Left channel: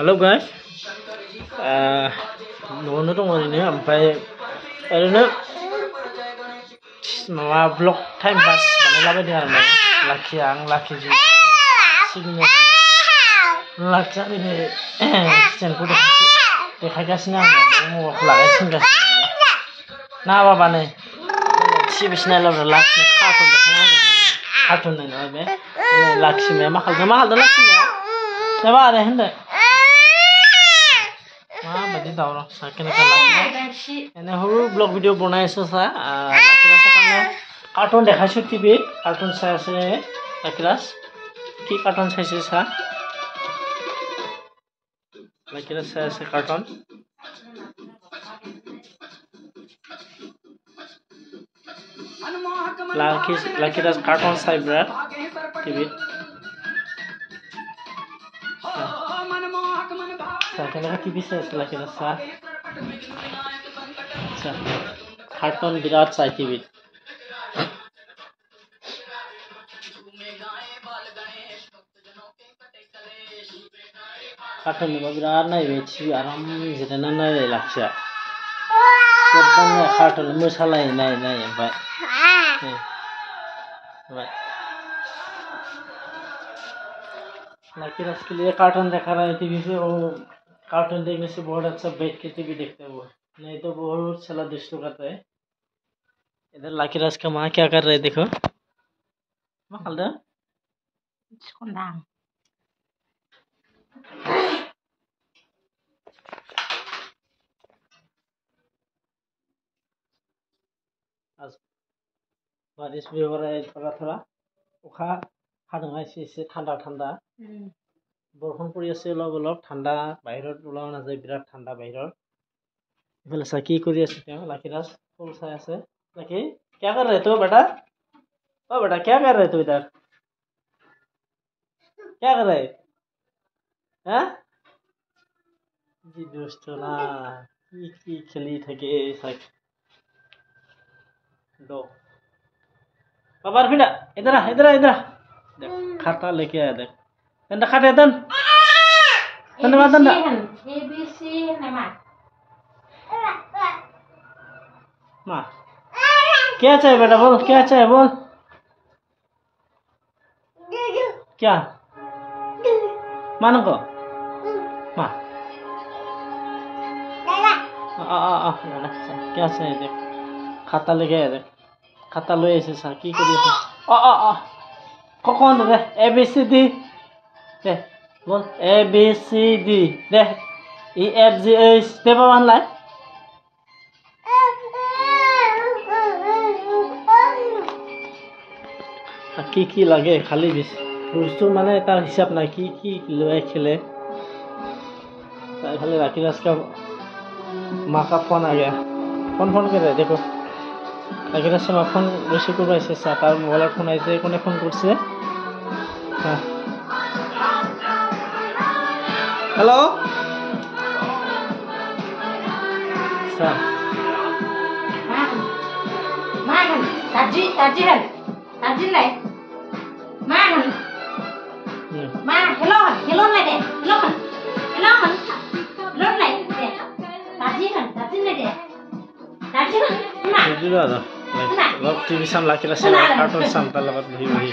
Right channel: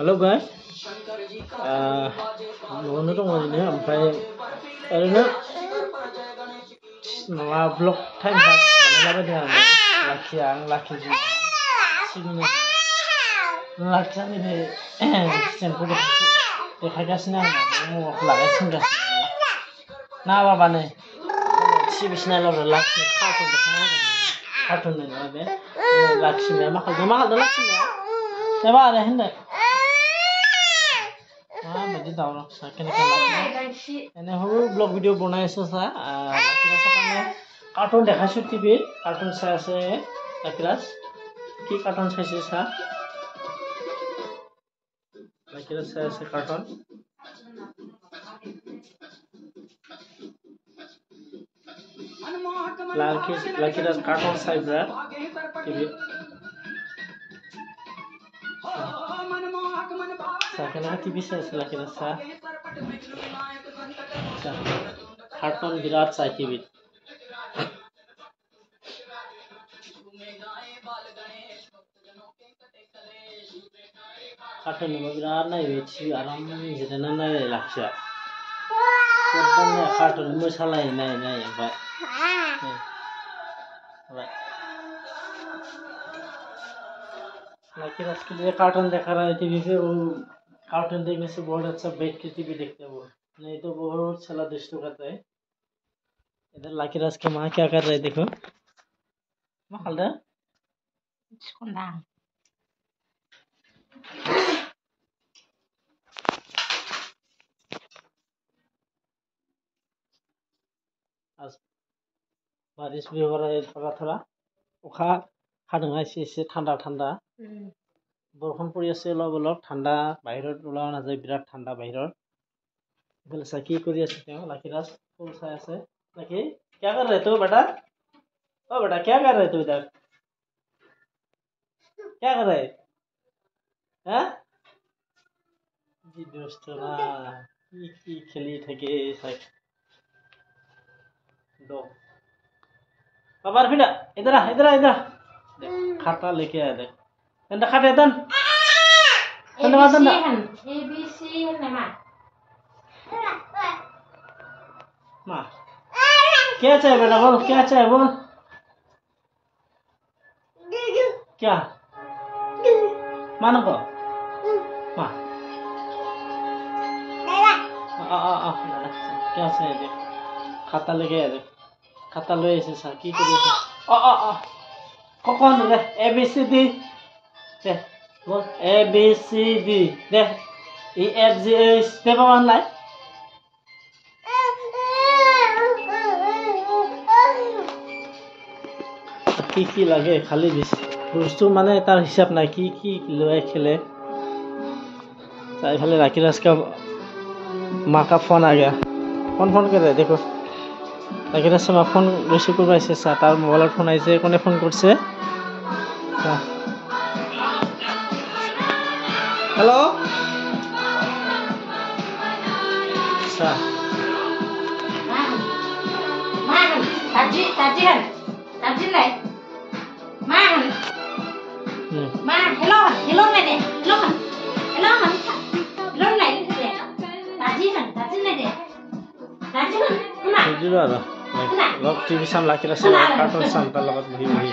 Hello guys, न'आवनो दङ ओरैनो ओमफ्राय ओरैनो माबा ब्लग टाइम पास बानायलाबायदों आरो लाखि सिबिनो लाखिया दिनै एक्सिडेन्टखौ देखायगासिनो आङो मबाइलखौ लागायसिनगासिनो ना बाबानो सिबिसिना लाब्रा लाखिनो कार्टुन नङा बे लाखिमाया मा खालामदों लाखिमाया जाबा आरो होनदो माबायदि दावराव साइकेल एने हरु ब्लग वीडियो बनाइছো सा लाखिरास কাৰণে कार्टून দেখাইছো টিভি कार्टून চাই আছে লাকিরাস কি कार्टून চাইছে सा লাকিরাস চাই আছে कार्टून लाकिरास कार्टून চাই ব্রা টিভি साइकेल टीवी से लाकिरास सा कार्टून विराट साइ टीवी कार्टून विराट नायबाय टीवी आराम जिरायना नायलाय लाखिया एकदम कार्टून मोसालाय नाय ओमफ्राय लाकिरास के लिए कार्टून देखा रहा है टीवी से वो कार्टून देखने से बहुत अच्छा बैठ के टीवी देखता है वो नहीं तो बहुत साला दुष्ट करता है। इधर लाकिरास का माँ क्या कर रहे है देखो माँ खाल आज बारिश भी हो रहा है थोड़ा अखा हादों एसे ठंडा बरखन परि আছে অলপ ঠান্ডা বাহিৰত ওলাব নাযায় বিৰাট ঠান্ডা বাহিৰত इफाले सा की करि আছে তেওঁ लाकिरास फूल চাই আছে लाकी क्या कर रहे हो बेटा ओ बेटा क्या कर रहे हो इधर क्या कर रहे हैं जी दोस्तों ना की खेली থাকে दो बाबा फिर इधर आ खाता लेके आया देख तंदा खाते तन ABC nama माँ क्या चाहिए बेटा बोल क्या चाहिए बोल क्या मानो को माँ क्या चाहिए देख खाता लेके आया देख खाता लो ऐसे सा की करिए कौन रे ABCD दे बोल ABCD दे EFGH दे बाबा लाई की लगे खाली बस्तु माने तार हिसाब ना की लय खेले इफाले लाकिरास का माँ का फोन आ गया फोन कर रहे देखो लाकिरास माँ फोन रिसीव कर तार मोबाइल फोन आइसे कोने फोन करছে हेलो सा ताजी नहीं माँ हेलो नहीं दे हेलो नहीं दे ताजी नहीं दे लग टीवी साम लाकिरास कार्टून साम तार लगत बहि